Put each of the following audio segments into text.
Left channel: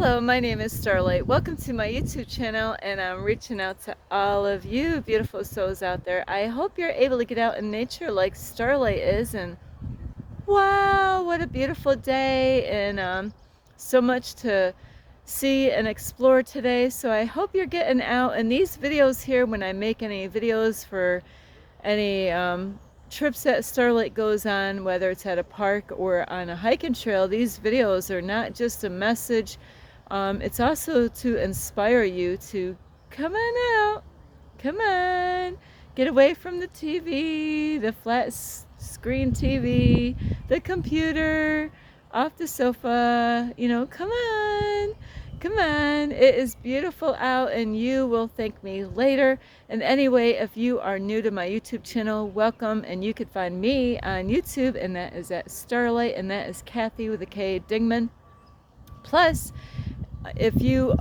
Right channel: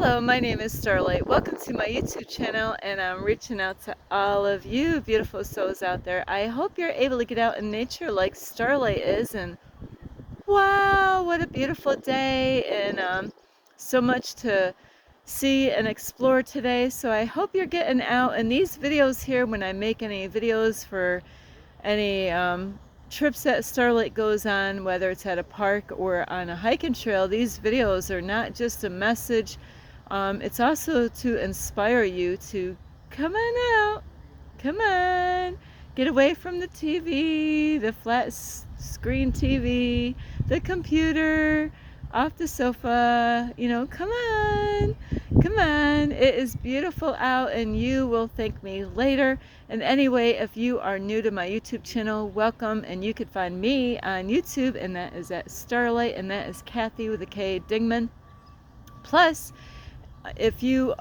Hello, my name is Starlight. Welcome to my YouTube channel, and I'm reaching out to all of you beautiful souls out there. I hope you're able to get out in nature like Starlight is, and wow, what a beautiful day, and so much to see and explore today. So I hope you're getting out. And these videos here, when I make any videos for any trips that Starlight goes on, whether it's at a park or on a hiking trail, these videos are not just a message. It's also to inspire you to come on out, come on, get away from the TV, the flat screen TV, the computer, off the sofa, come on, come on. It is beautiful out, and you will thank me later. And anyway, if you are new to my YouTube channel, welcome, and you could find me on YouTube, and that is at Starlight, and that is Kathy with a K Dingman. Plus, if you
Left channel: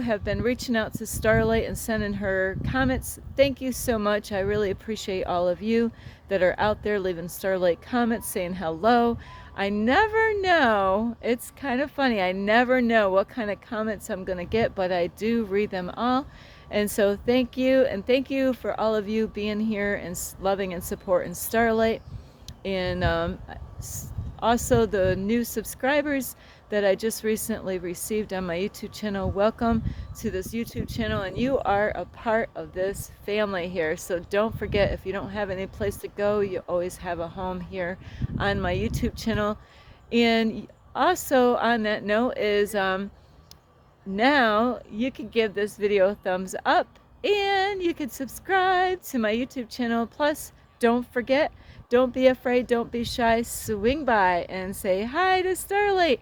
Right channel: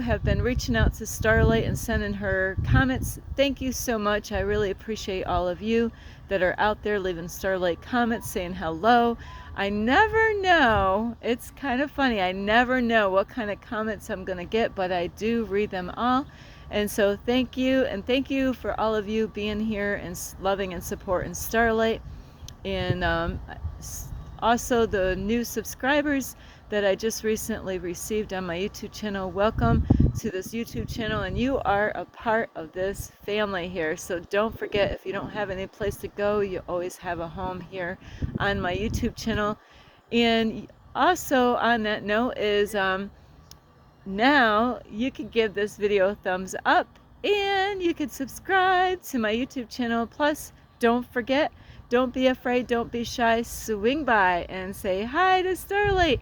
have been reaching out to Starlight and sending her comments, thank you so much. I really appreciate all of you that are out there leaving Starlight comments, saying hello. I never know, it's kind of funny, I never know what kind of comments I'm going to get, but I do read them all. And so thank you, and thank you for all of you being here and loving and supporting Starlight. And also the new subscribers that I just recently received on my YouTube channel. Welcome to this YouTube channel, and you are a part of this family here. So don't forget, if you don't have any place to go, you always have a home here on my YouTube channel. And also on that note is now you can give this video a thumbs up, and you can subscribe to my YouTube channel. Plus, don't forget, don't be afraid, don't be shy, swing by and say hi to Starlight.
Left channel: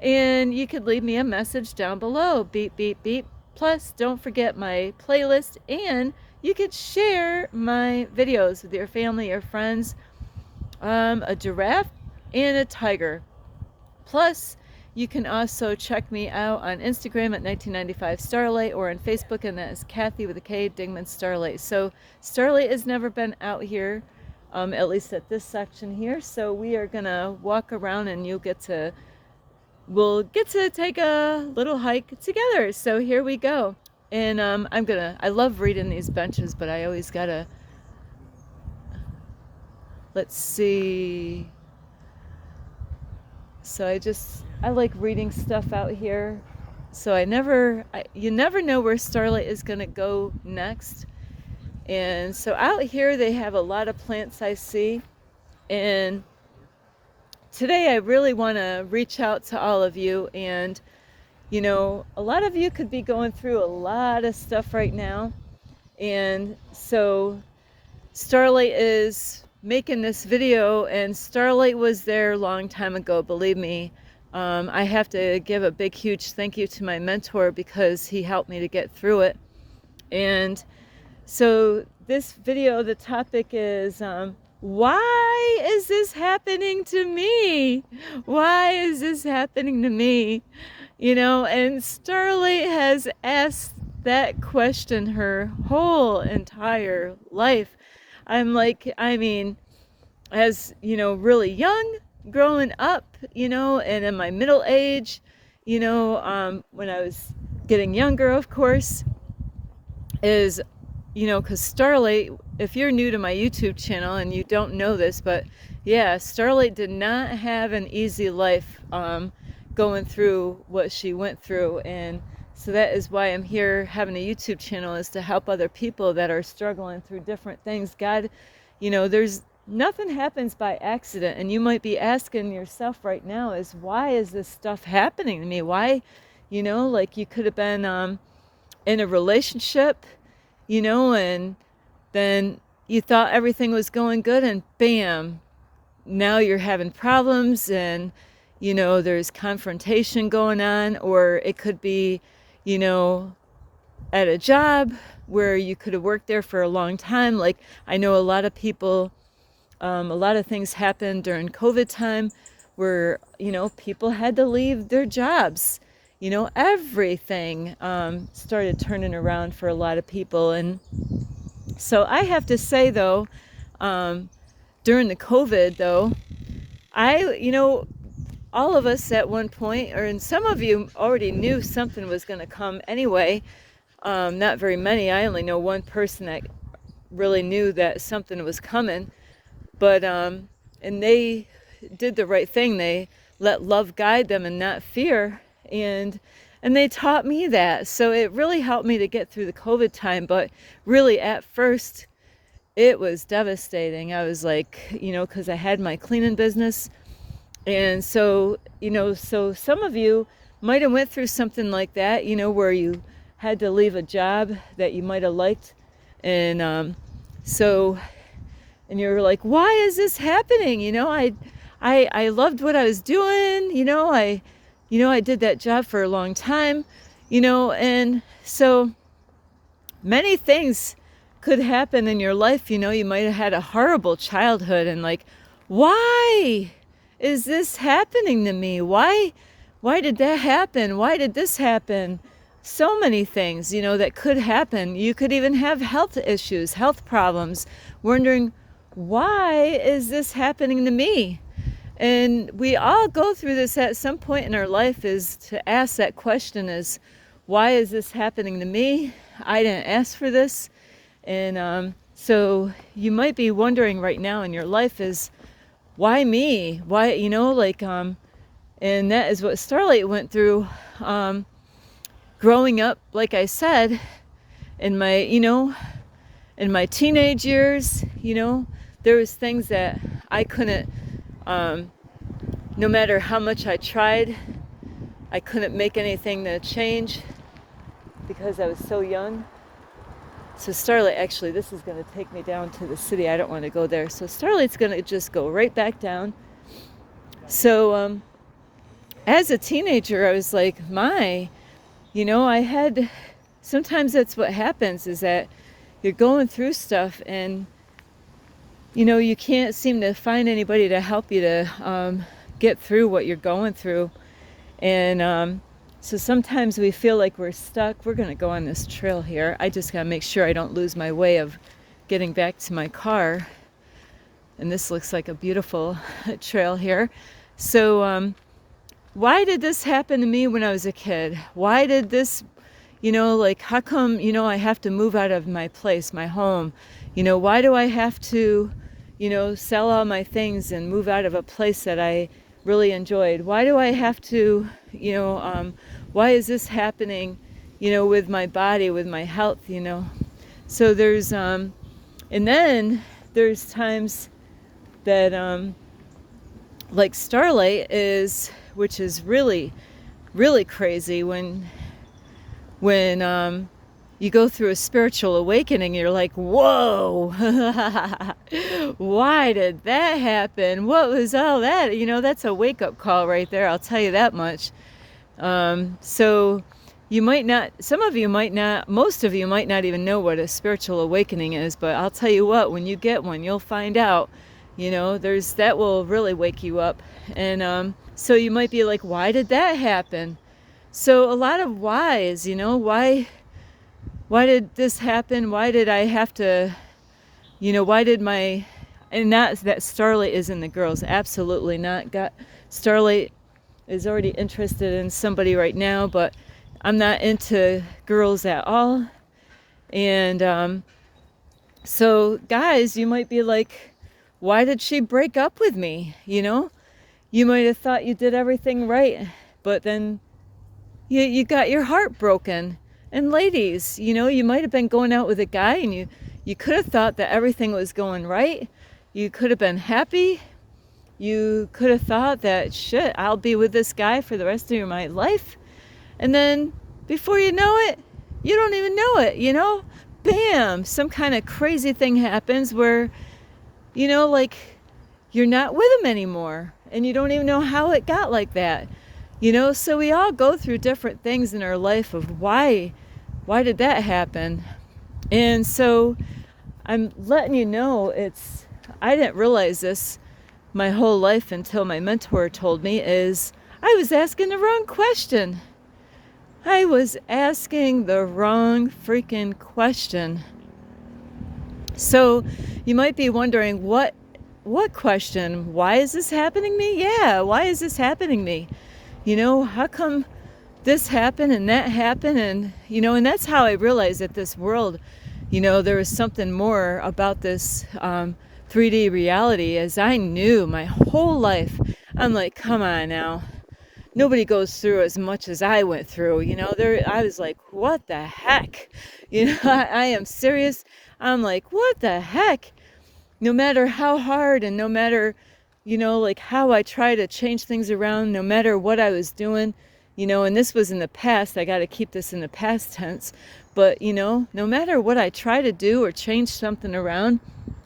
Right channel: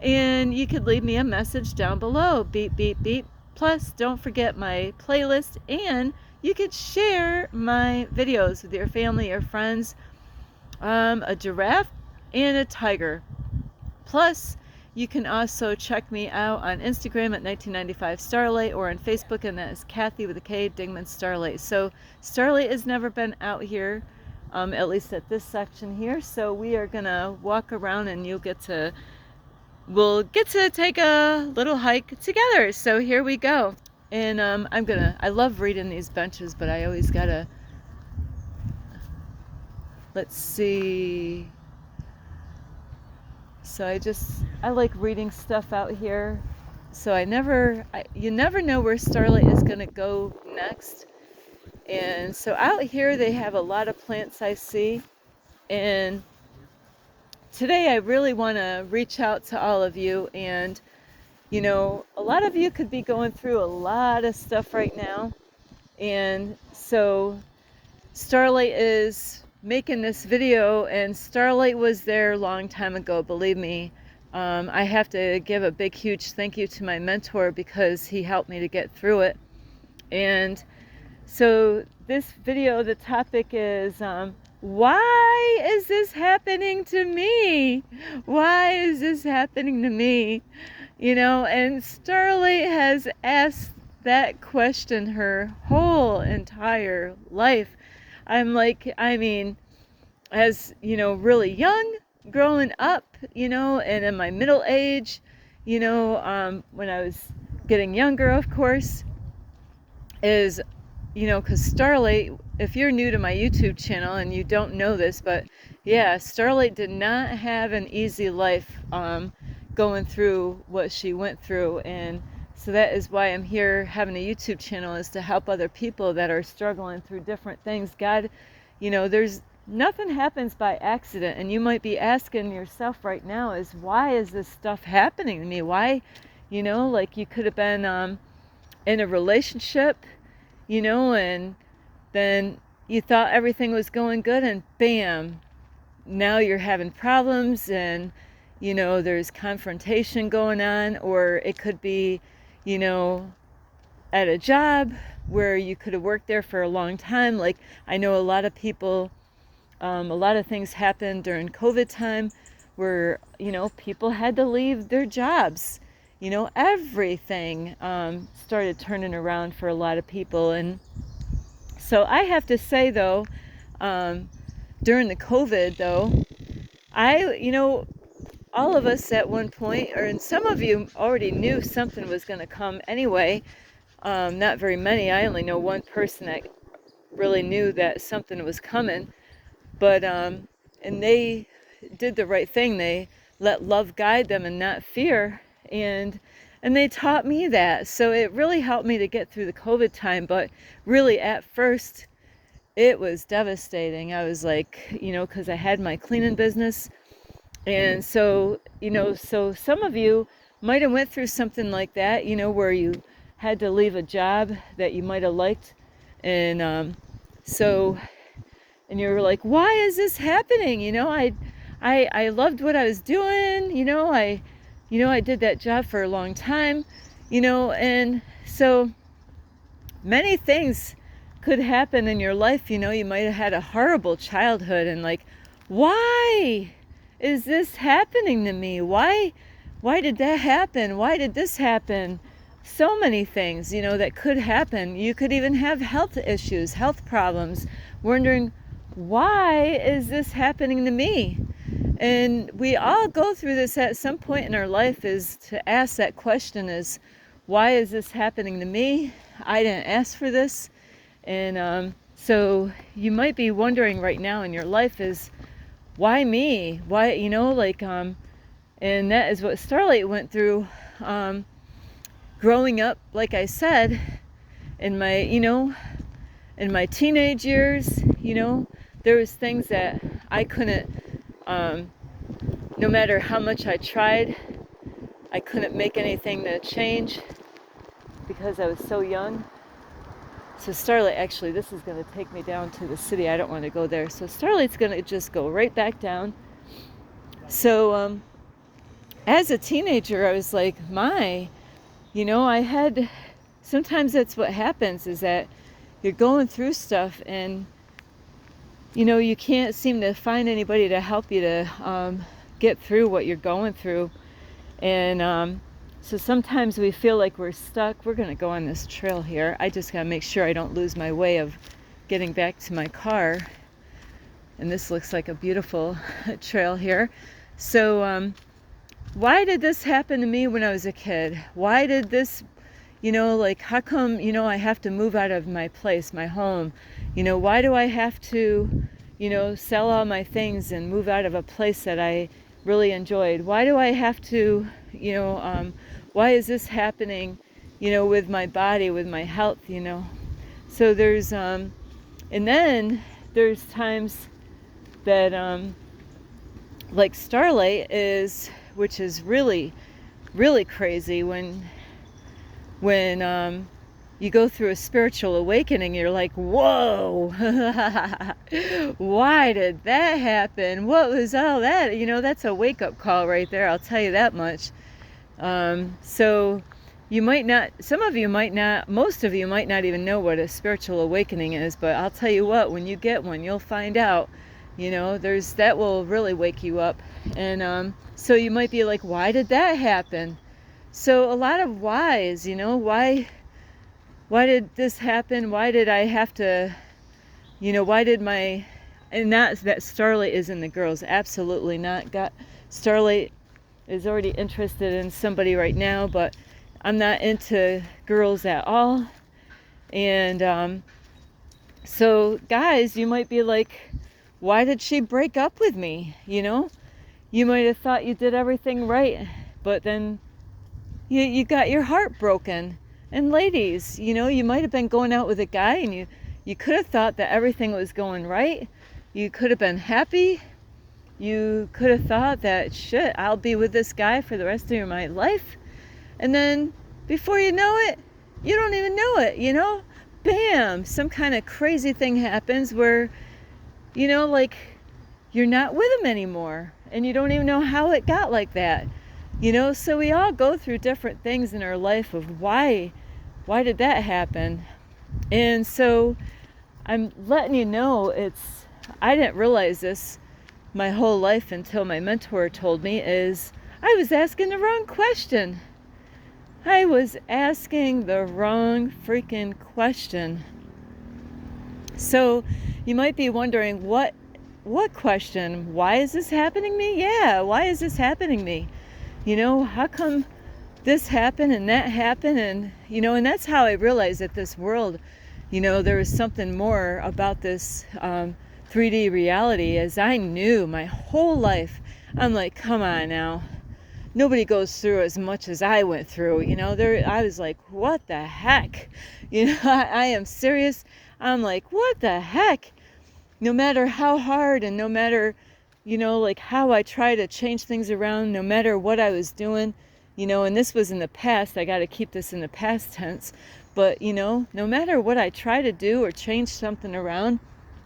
And you could leave me a message down below, beep, beep, beep. Plus, don't forget my playlist, and you could share my videos with your family or friends. A giraffe and a tiger. Plus, you can also check me out on Instagram at 1995 Starlight, or on Facebook, and that is Kathy with a K Dingman Starlight. So Starlight has never been out here, at least at this section here. So we are gonna walk around, and we'll get to take a little hike together. So here we go. And I love reading these benches, but I always gotta, let's see. So I like reading stuff out here. So you never know where Starlight is gonna go next. And so out here they have a lot of plants I see. And today I really want to reach out to all of you, and a lot of you could be going through a lot of stuff right now, and so Starlight is making this video, and Starlight was there a long time ago, believe me. I have to give a big huge thank you to my mentor, because he helped me to get through it. And so this video, the topic is why is this happening to me? Why is this happening to me? And Starlight has asked that question her whole entire life. As really young, growing up, and in my middle age, when I was getting younger, of course, is, because Starlight, if you're new to my YouTube channel and you don't know this, but yeah, Starlight did not have an easy life going through what she went through. And so that is why I'm here having a YouTube channel, is to help other people that are struggling through different things. God, there's nothing happens by accident. And you might be asking yourself right now is, why is this stuff happening to me? Why, like you could have been in a relationship, and then you thought everything was going good, and bam, now you're having problems, and there's confrontation going on. Or it could be at a job where you could have worked there for a long time. Like, I know a lot of people, a lot of things happened during COVID time where people had to leave their jobs. Everything started turning around for a lot of people. And so I have to say, though, during the COVID, though, all of us at one point, or and some of you already knew something was going to come anyway. Not very many. I only know one person that really knew that something was coming. But, and they did the right thing. They let love guide them and not fear. And they taught me that. So it really helped me to get through the COVID time. But really, at first, it was devastating. I was like, because I had my cleaning business. And so, so some of you might have went through something like that, where you had to leave a job that you might have liked. And and you were like, why is this happening? I loved what I was doing. I did that job for a long time, and so many things could happen in your life. You might have had a horrible childhood and like, why is this happening to me? Why did that happen? Why did this happen? So many things, that could happen. You could even have health issues, health problems, wondering, why is this happening to me? And we all go through this at some point in our life, is to ask that question is, why is this happening to me? I didn't ask for this. And so you might be wondering right now in your life is, why me? Why, and that is what Starlight went through growing up, like I said, in my teenage years, there was things that I couldn't, no matter how much I tried, I couldn't make anything to change because I was so young. So Starlight, actually, this is going to take me down to the city. I don't want to go there. So Starlight's going to just go right back down. So as a teenager, I was like, sometimes that's what happens, is that you're going through stuff and, you can't seem to find anybody to help you to get through what you're going through. And so sometimes we feel like we're stuck. We're going to go on this trail here. I just got to make sure I don't lose my way of getting back to my car. And this looks like a beautiful trail here. So why did this happen to me when I was a kid? Why did this, how come, I have to move out of my place, my home? Why do I have to, sell all my things and move out of a place that I really enjoyed? Why do I have to, why is this happening, with my body, with my health, So there's, and then there's times that, like Starlight is, which is really, really crazy when you go through a spiritual awakening, you're like, whoa, why did that happen? What was all that? That's a wake-up call right there, I'll tell you that much. So you might not, some of you might not, most of you might not even know what a spiritual awakening is, but I'll tell you what, when you get one, you'll find out, that will really wake you up. And so you might be like, why did that happen? So a lot of whys, why did this happen? Why did I have to, why did and not that Starlight is in the girls, absolutely not. Starlight is already interested in somebody right now, but I'm not into girls at all. And so guys, you might be like, why did she break up with me? You might have thought you did everything right, but then you got your heart broken. And ladies, you might have been going out with a guy and you could have thought that everything was going right. You could have been happy. You could have thought that, shit, I'll be with this guy for the rest of my life. And then before you know it, you don't even know it, Bam, some kind of crazy thing happens where, like you're not with him anymore. And you don't even know how it got like that. So we all go through different things in our life of why did that happen? And so I'm letting you know, I didn't realize this my whole life until my mentor told me, is I was asking the wrong question. I was asking the wrong freaking question. So you might be wondering, what what question? Why is this happening to me? Yeah, why is this happening to me? How come this happened and that happened? And, and that's how I realized that this world, there was something more about this 3D reality, as I knew my whole life. I'm like, come on now. Nobody goes through as much as I went through. I was like, what the heck? I am serious. I'm like, what the heck? No matter how hard and no matter, like how I try to change things around, no matter what I was doing, and this was in the past, I got to keep this in the past tense, but, no matter what I try to do or change something around,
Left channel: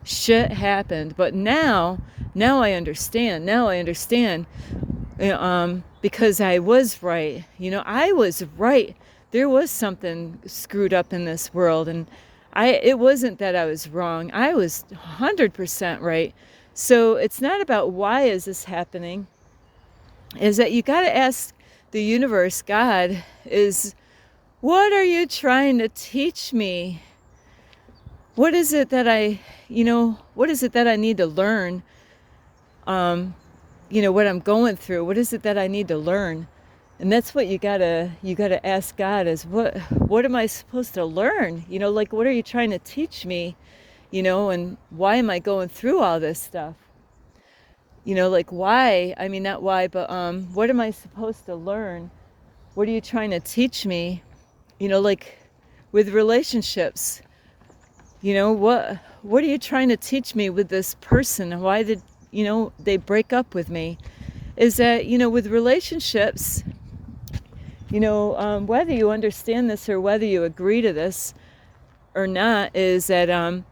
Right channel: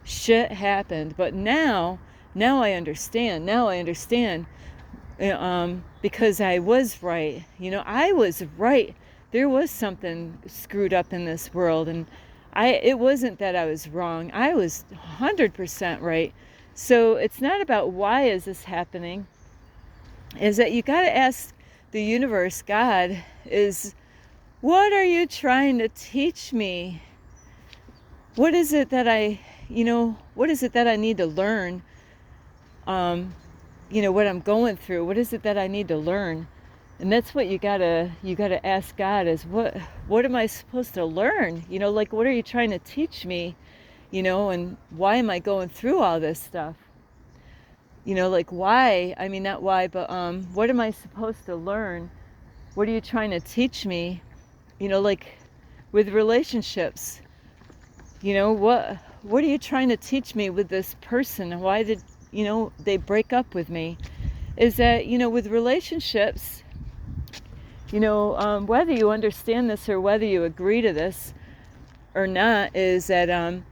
shit happened. But now I understand. Because I was right. I was right. There was something screwed up in this world, and it wasn't that I was wrong. I was 100% right. So it's not about why is this happening. Is that you got to ask the universe, God, what are you trying to teach me? What is it that what is it that I need to learn? What I'm going through. What is it that I need to learn? And that's what you gotta ask God, is what am I supposed to learn? Like, what are you trying to teach me? And why am I going through all this stuff? Like, why? I mean, not why, but what am I supposed to learn? What are you trying to teach me? Like with relationships. What are you trying to teach me with this person? Why did they break up with me? Is that, with relationships, whether you understand this or whether you agree to this or not, is that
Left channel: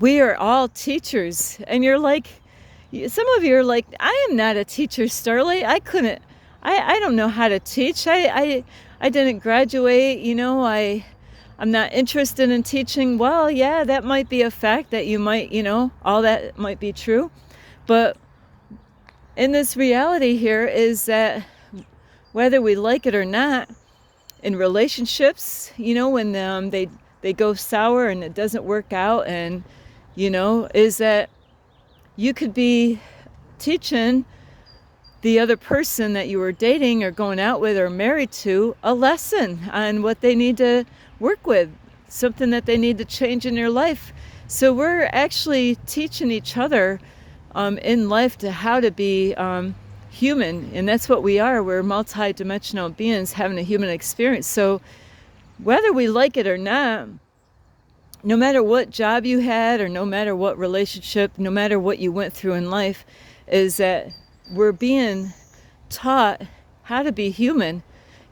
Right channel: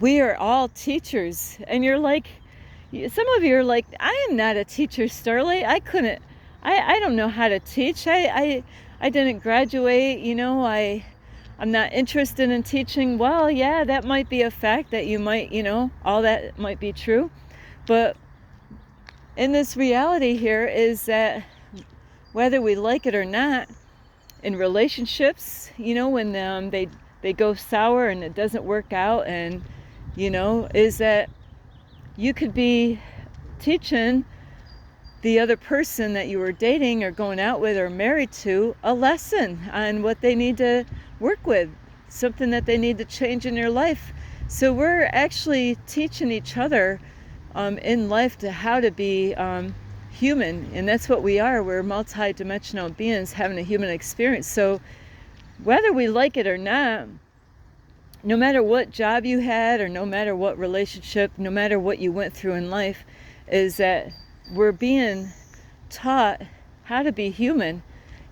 we are all teachers. And you're like, some of you are like, I am not a teacher, Starlight. I don't know how to teach. I didn't graduate, I'm not interested in teaching. Well, yeah, that might be a fact that you might, all that might be true. But in this reality here is that whether we like it or not, in relationships, when they go sour and it doesn't work out, and, is that you could be teaching the other person that you were dating or going out with or married to a lesson on what they need to work with, something that they need to change in their life. So we're actually teaching each other in life to how to be human, and that's what we are. We're multi-dimensional beings having a human experience. So whether we like it or not, no matter what job you had or no matter what relationship, no matter what you went through in life, is that we're being taught how to be human.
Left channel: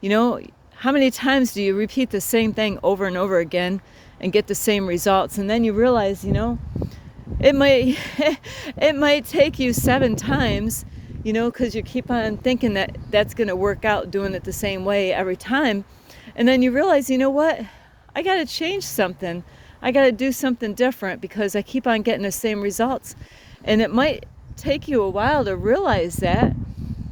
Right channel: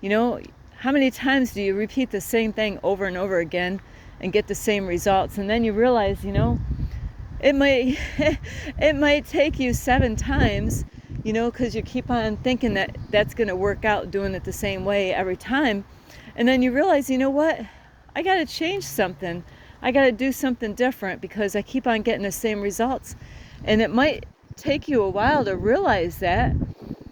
How many times do you repeat the same thing over and over again and get the same results? And then you realize, it might it might take you 7 times, because you keep on thinking that that's going to work out doing it the same way every time. And then you realize, what? I got to change something. I got to do something different because I keep on getting the same results. And it might take you a while to realize that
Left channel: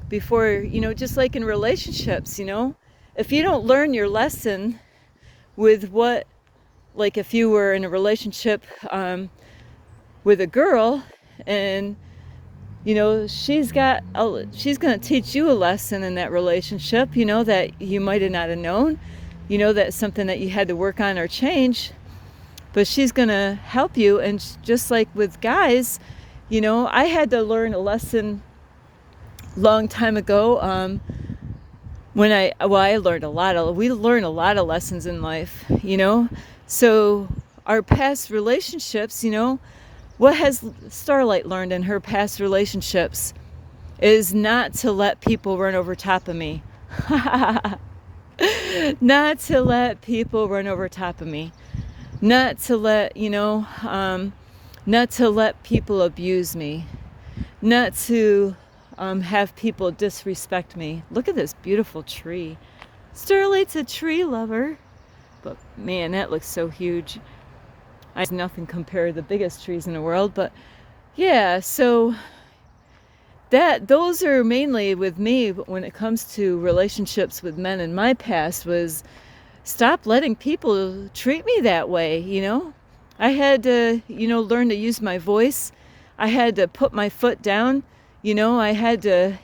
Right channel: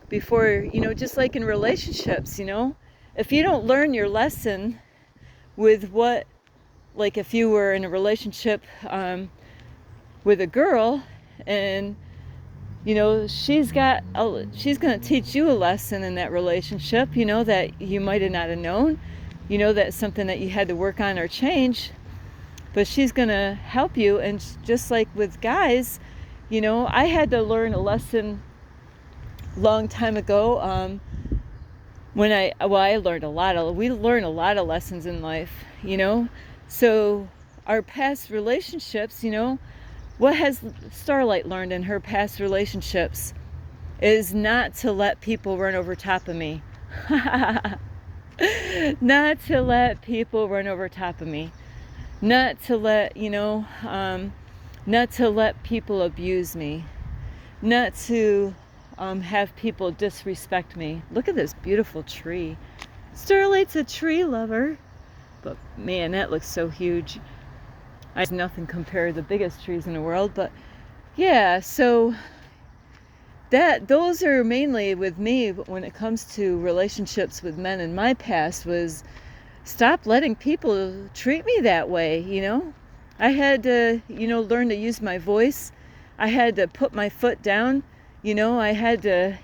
before, just like in relationships, if you don't learn your lesson with like if you were in a relationship with a girl, and she's going to teach you a lesson in that relationship, that you might have not have known, that's something that you had to work on or change, but she's going to help you. And just like with guys, I had to learn a lesson long time ago. We learn a lot of lessons in life, so our past relationships, what has Starlight learned in her past relationships is not to let people run over top of me. Not to let people run over top of me. Not to let, not to let people abuse me. Not to have people disrespect me. Look at this beautiful tree. Starlight's a tree lover. But man, that looks so huge. It's nothing compared to the biggest trees in the world. But yeah, so those are mainly with me when it comes to relationships with men in my past, was stop letting people treat me that way. I had to, learn to use my voice. I had to put my foot down. I had to,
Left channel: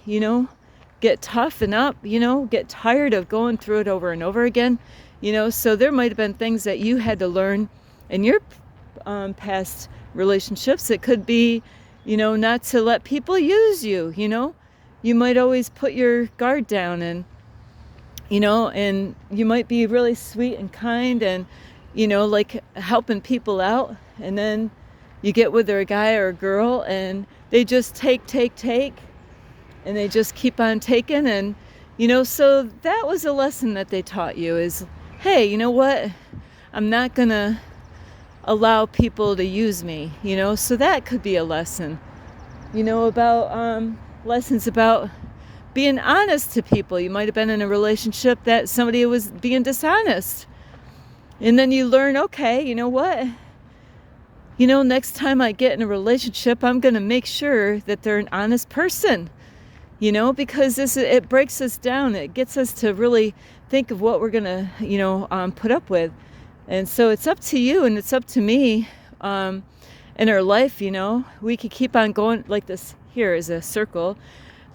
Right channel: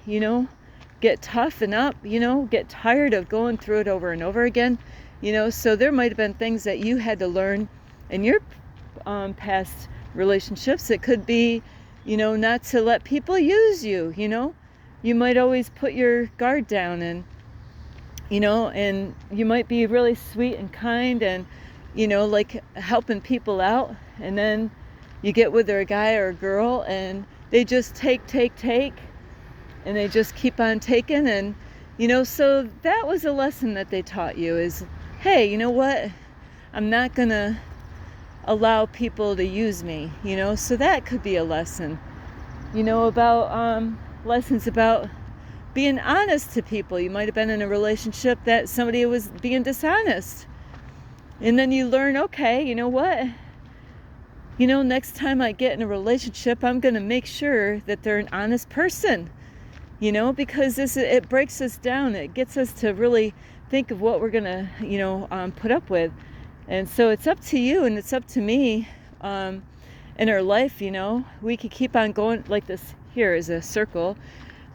get toughened up, get tired of going through it over and over again. So there might have been things that you had to learn in your past relationships. It could be, not to let people use you. You might always put your guard down, and and you might be really sweet and kind and like helping people out, and then you get with a guy or a girl and they just take, and they just keep on taking. And so that was a lesson that they taught you, is, hey, you know what, I'm not gonna allow people to use me. So that could be a lesson, about lessons about being honest to people. You might have been in a relationship that somebody was being dishonest, and then you learn, okay, you know what, next time I get in a relationship, I'm going to make sure that they're an honest person, because it breaks us down. It gets us to really think of what we're going to, put up with. And so it's up to you and it's up to me in our life. We could keep on going like this. Here is a circle.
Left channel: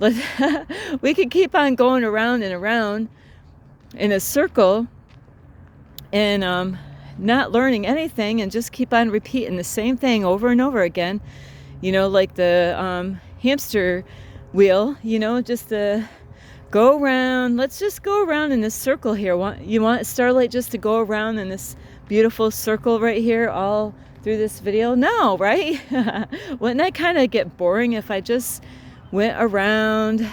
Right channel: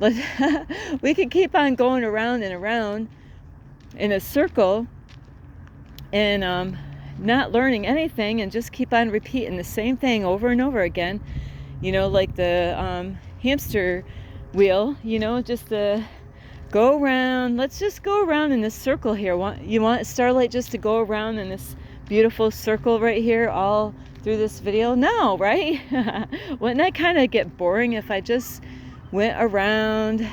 We could keep on going around and around in a circle and not learning anything, and just keep on repeating the same thing over and over again, like the hamster wheel, just to go around. Let's just go around in this circle here. You want Starlight just to go around in this beautiful circle right here all through this video? No, right? Wouldn't that kind of get boring if I just went around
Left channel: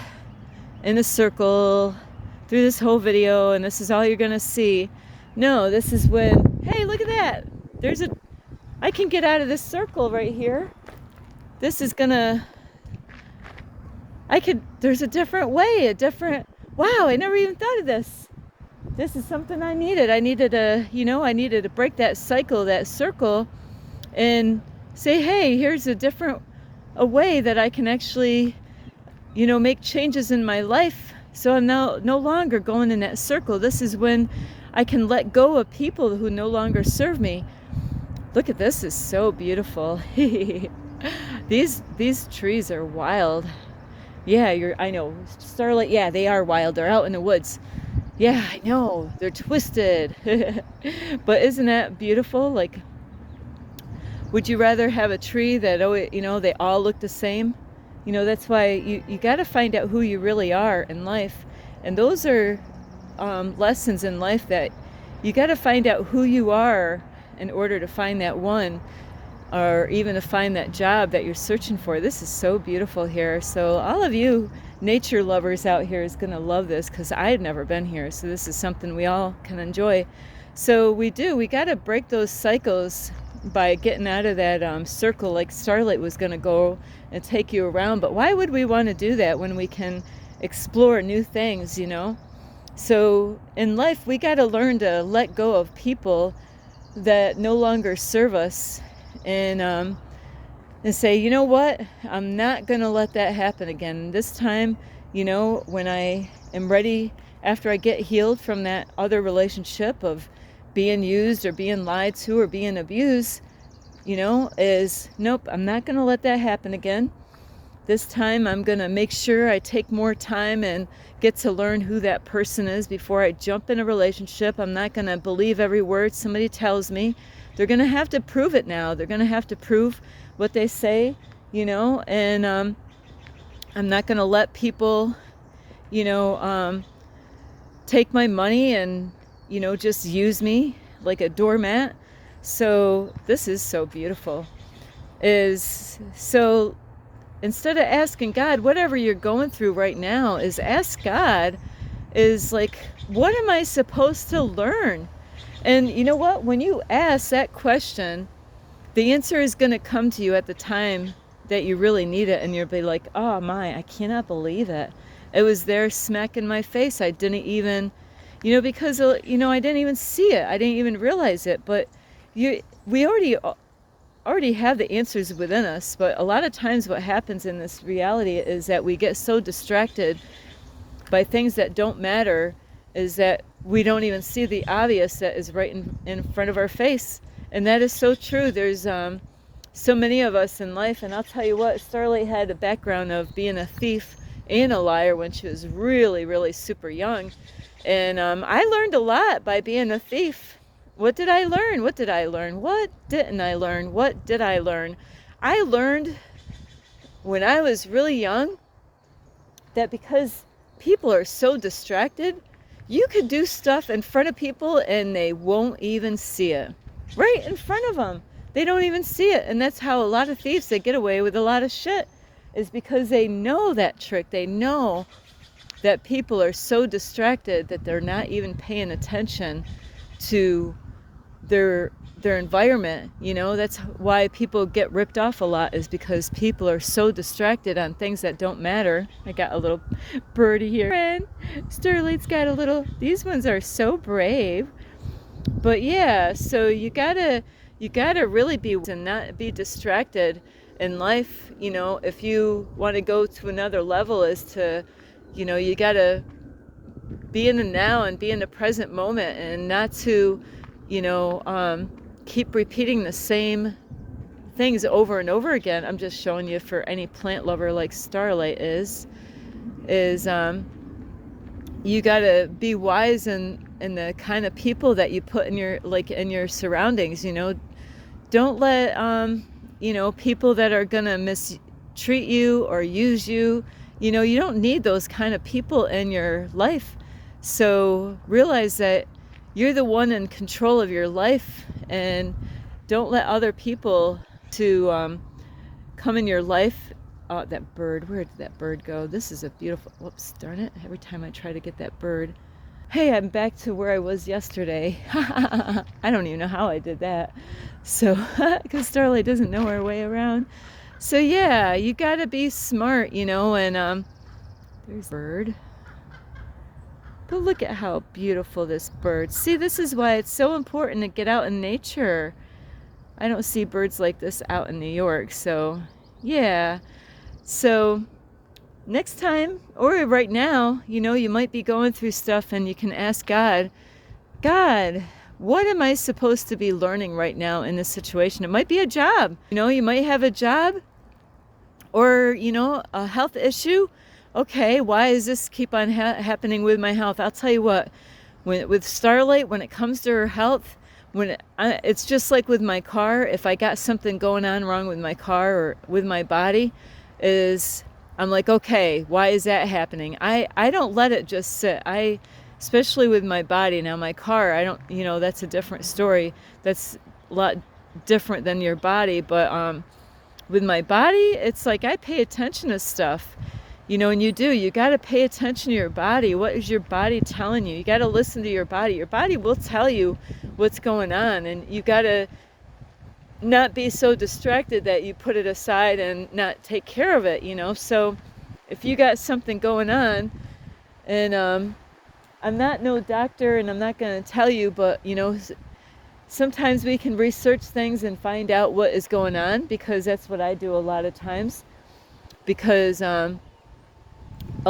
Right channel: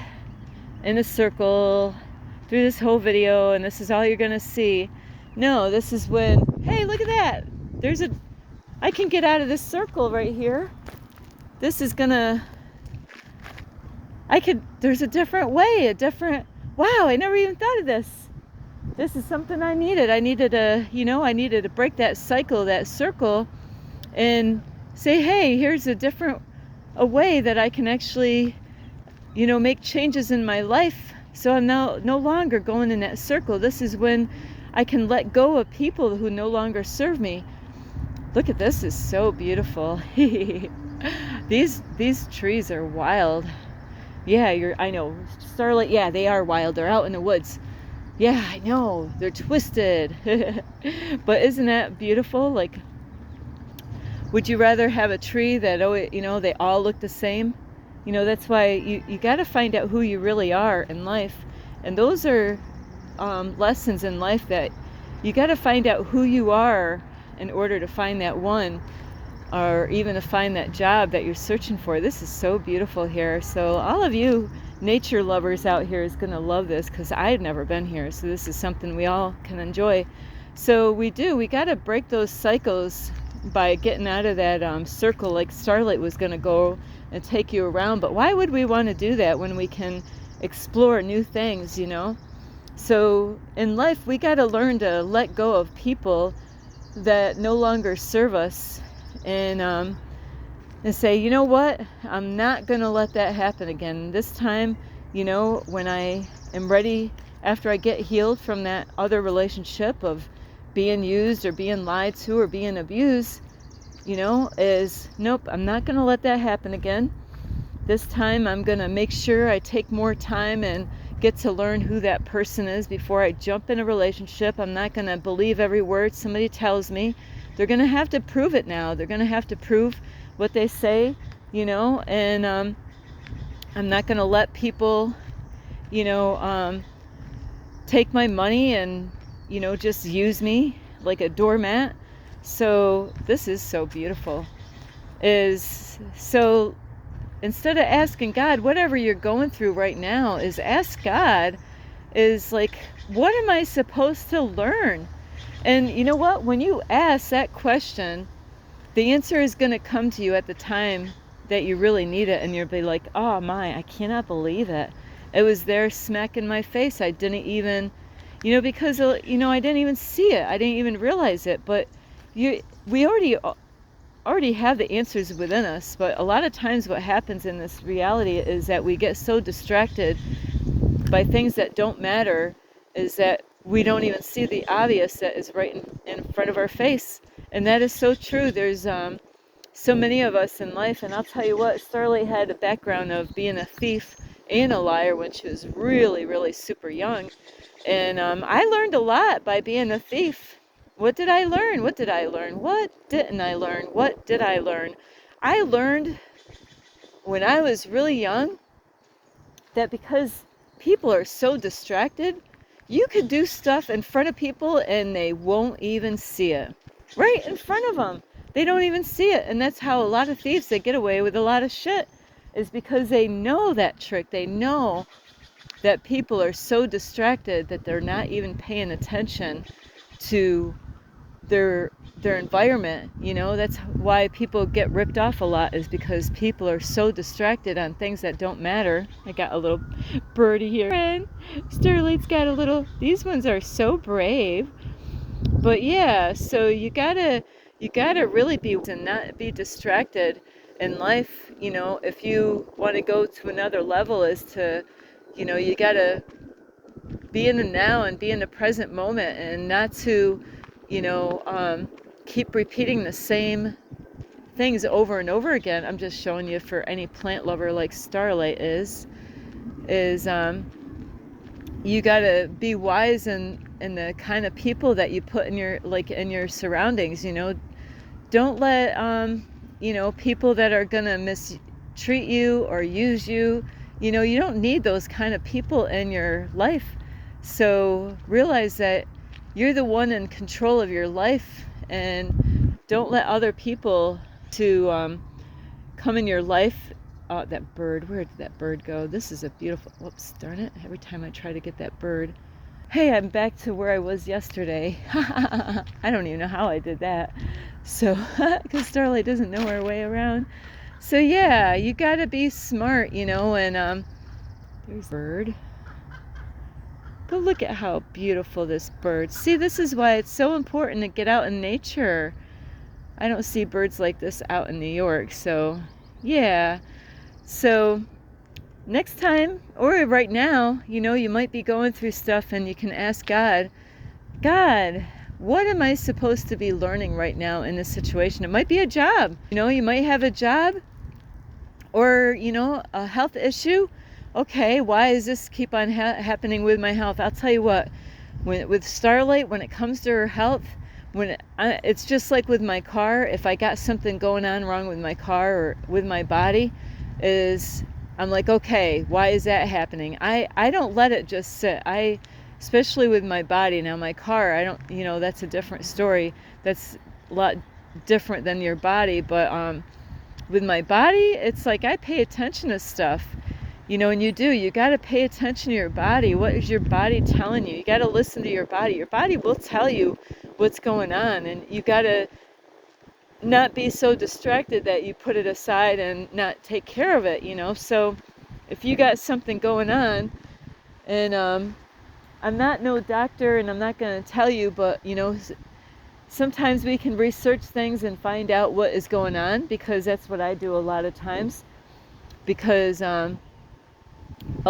in a circle through this whole video and this is all you're gonna see? No, this is when, hey, look at that. I can get out of this circle right here. This is gonna, there's a different way, wow, I never even thought of this. This is something I needed. I needed to break that cycle, that circle, and say, hey, here's a way that I can actually, make changes in my life. So I'm now no longer going in that circle. This is when I can let go of people who no longer serve me. Look at this, is so beautiful. These trees are wild. Yeah, I know. Starlight, yeah, they are wild. They're out in the woods. Yeah, I know. They're twisted. But isn't that beautiful? Like, would you rather have a tree that, they all look the same? That's why you got to find out who you really are in life. And those are lessons in life, that you got to find out who you are in order to find that one, or even to find that job that you're searching for. This is so beautiful here. So all of you nature lovers out here is going to love this, because I've never been here. So this is something we all can enjoy. So we got to break those cycles by getting out of that circle, like Starlight was going to go and take you around. But why would we want to do that when we can explore new things, So in life, we got to learn to let go of people that no longer serve us, and say, you know what, I'm not going to let that happen again. This time, when I am ready, after I get healed from that other relationship of being used or being lied to or being abused, is, nope, I'm not going to let that happen again. This time I'm going to make sure I take more time and get to learn who that person is before I jump in a relationship. I'm not going to believe every word somebody tells me. They're going to have to prove it now. They're going to have to prove what they say, and I'm not going to let people, take my money and, just use me like a doormat. So this is so beautiful. So instead of asking God, whatever you're going through right now, is ask God, is like, what am I supposed to learn? And you know what? When you ask that question, the answer is going to come to you at the time that you really need it. And you'll be like, oh my, I cannot believe it. It was there smack in my face. I didn't even, because, I didn't even see it. I didn't even realize it. But we already have the answers within us. But a lot of times what happens in this reality is that we get so distracted by things that don't matter, is that we don't even see the obvious that is right in front of our face. And that is so true. There's so many of us in life. And I'll tell you what, Starlight had a background of being a thief and a liar when she was really, really super young. And I learned a lot by being a thief. What did I learn? What did I learn? What didn't I learn? What did I learn? I learned when I was really young that because people are so distracted, you could do stuff in front of people and they won't even see it. Right in front of them. They don't even see it. And that's how a lot of thieves, they get away with a lot of shit, is because they know that trick. They know that people are so distracted that they're not even paying attention to their environment. That's why people get ripped off a lot, is because people are so distracted on things that don't matter. I got a little birdie here, and Starlight's got a little, these ones are so brave. But yeah, so you gotta really be and not be distracted in life. If you want to go to another level, is to, you gotta be in the now and be in the present moment, and not to, keep repeating the same things over and over again. I'm just showing you, for any plant lover like Starlight is you gotta be wise in the kind of people that you put in your surroundings. Don't let people that are gonna mistreat you or use you. You don't need those kind of people in your life. So realize that you're the one in control of your life, and don't let other people to come in your life. That bird, where did that bird go? This is a beautiful, whoops, darn it. Every time I try to get that bird. Hey, I'm back to where I was yesterday. I don't even know how I did that. So, because Starlight doesn't know her way around. So yeah, you gotta be smart, and there's a bird. But look at how beautiful this bird. See, this is why it's so important to get out in nature. I don't see birds like this out in New York, so yeah. So next time, or right now, you might be going through stuff, and you can ask God, what am I supposed to be learning right now in this situation? It might be a job. You might have a job, or, a health issue. Okay, why does this keep on happening with my health? I'll tell you what, with Starlight, when it comes to her health, it's just like with my car. If I got something going on wrong with my car or with my body, I'm like, okay, why is that happening? I don't let it just sit. Especially with my body. Now my car, I don't, that's a different story. That's a lot different than your body. But with my body, it's like I pay attention to stuff. And you got to pay attention to your body. What is your body telling you? You got to listen to your body. Your body will tell you what's going on, and you got to not be so distracted that you put it aside and not take care of it. So if you got something going on, and I'm not no doctor, and I'm not going to tell you, but sometimes we can research things and find out what is going on, because that's what I do a lot of times, because a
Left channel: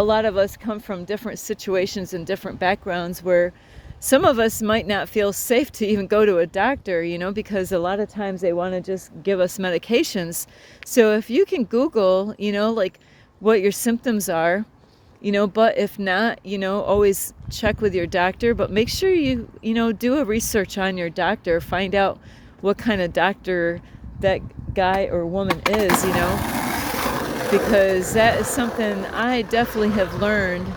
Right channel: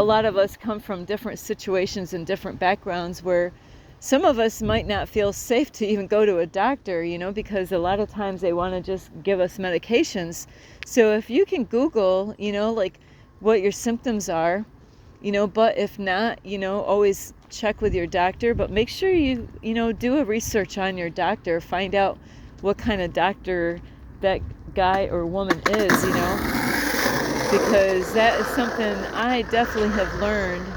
lot of us come from different situations and different backgrounds, where some of us might not feel safe to even go to a doctor, because a lot of times they want to just give us medications. So if you can Google, like what your symptoms are, but if not, always check with your doctor. But make sure you, do a research on your doctor, find out what kind of doctor that guy or woman is, because that is something I definitely have learned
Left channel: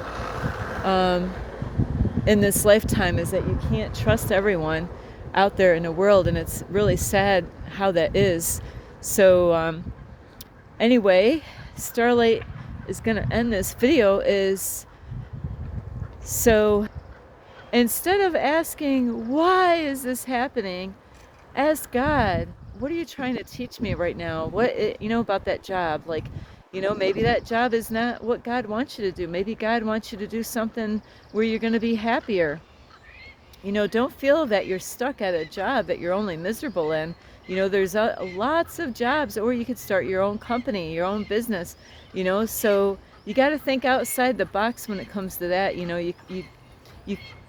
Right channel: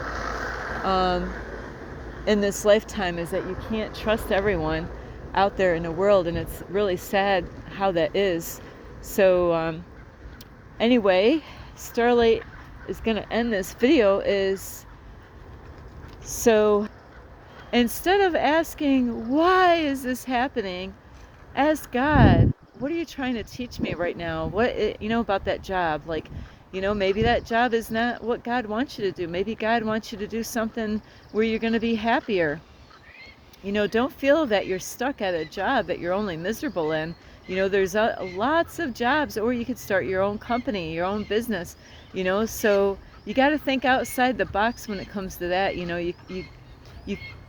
in this lifetime, is that you can't trust everyone out there in the world, and it's really sad how that is. So anyway, Starlight is going to end this video. So instead of asking, why is this happening, ask God, what are you trying to teach me right now? What, about that job? Like, maybe that job is not what God wants you to do. Maybe God wants you to do something where you're going to be happier. Don't feel that you're stuck at a job that you're only miserable in. There's lots of jobs, or you could start your own company, your own business, so you got to think outside the box when it comes to that. You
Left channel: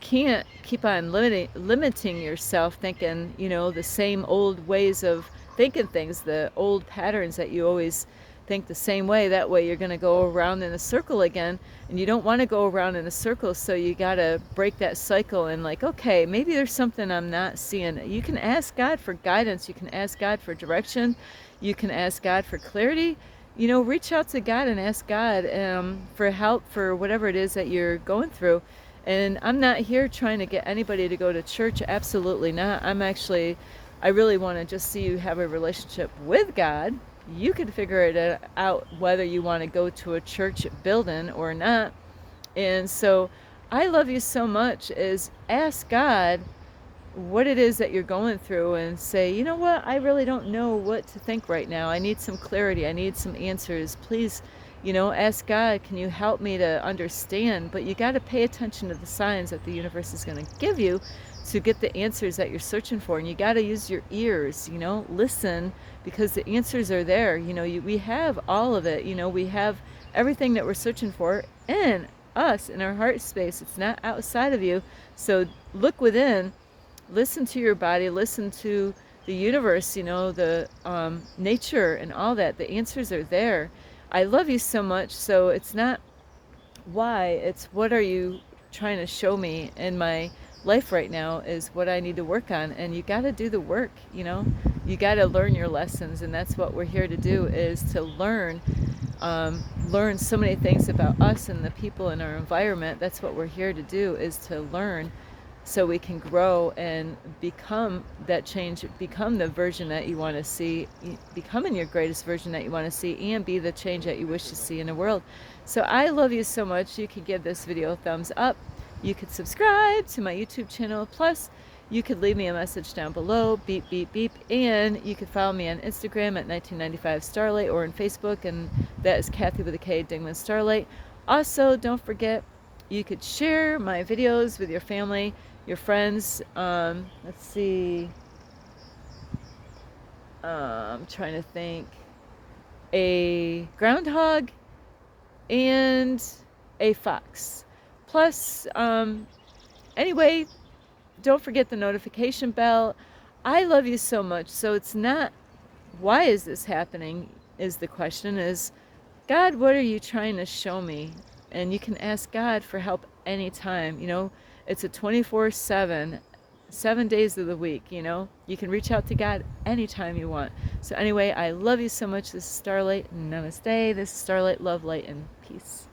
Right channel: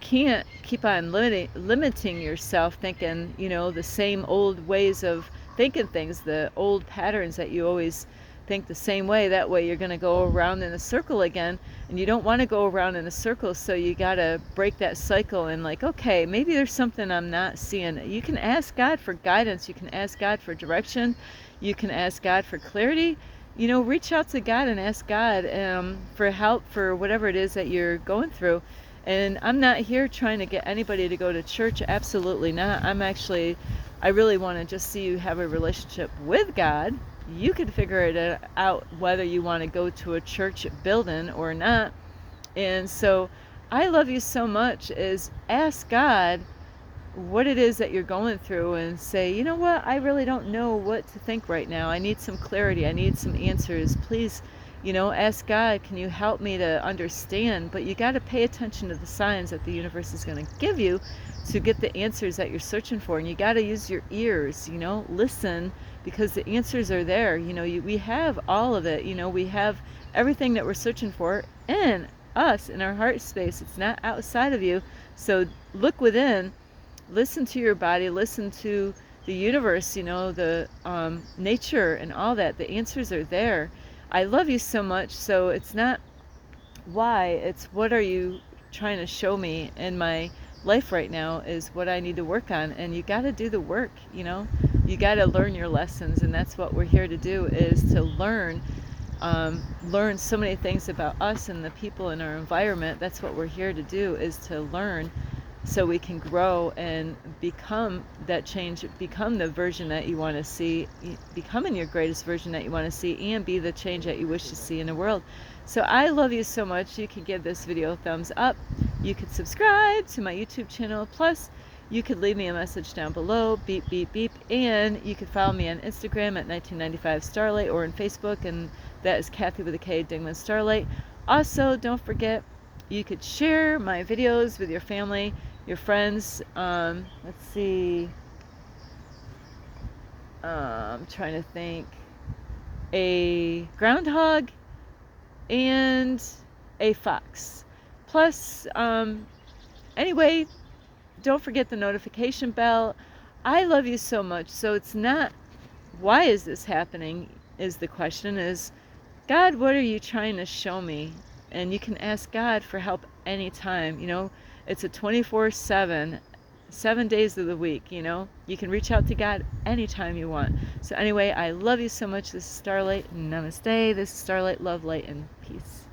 can't keep on limiting yourself, thinking, the same old ways of thinking things, the old patterns that you always think the same way. That way you're going to go around in a circle again, and you don't want to go around in a circle, so you got to break that cycle and like, okay, maybe there's something I'm not seeing. You can ask God for guidance, you can ask God for direction, you can ask God for clarity. You know, reach out to God and ask God for help for whatever it is that you're going through. And I'm not here trying to get anybody to go to church. Absolutely not. I really want to just see you have a relationship with God. You can figure it out whether you want to go to a church building or not. And so I love you so much is ask God what it is that you're going through and say, you know what, I really don't know what to think right now. I need some clarity. I need some answers. Please, you know, ask God, can you help me to understand? But you got to pay attention to the signs that the universe is going to give you to get the answers that you're searching for. And you got to use your ears, you know, listen, because the answers are there. You know, we have all of it. You know, we have everything that we're searching for in us, in our heart space. It's not outside of you. So look within. Listen to your body, listen to the universe, you know, the nature and all that. The answers are there. I love you so much. So it's not why, it's what are you trying to show me in my life right now is what I need to work on. And you got to do the work, you know, you got to learn your lessons. And that's what we're here to do, is to learn so many things about us and the people in our environment. That's what we're here to do, is to learn so we can grow and become that change, become the version that you want to see, becoming your greatest version that you want to see, and be the change that you wish to see in the world. So I love you so much. You can give this video a thumbs up. You could subscribe to my YouTube channel. Plus, you could leave me a message down below, beep, beep, beep. And you could follow me on Instagram at 1995 Starlight, or on Facebook, and that is Kathy with a K, Dingman Starlight. Also, don't forget, you could share my videos with your family, your friends. Let's see. I'm trying to think. A groundhog and a fox. Plus, anyway, don't forget the notification bell. I love you so much. So it's not, why is this happening, is the question, is, God, what are you trying to show me? And you can ask God for help anytime. You know, it's a 24/7, 7 days of the week, you know. You can reach out to God anytime you want. So anyway, I love you so much. This is Starlight. Namaste. This is Starlight. Love, light, and peace.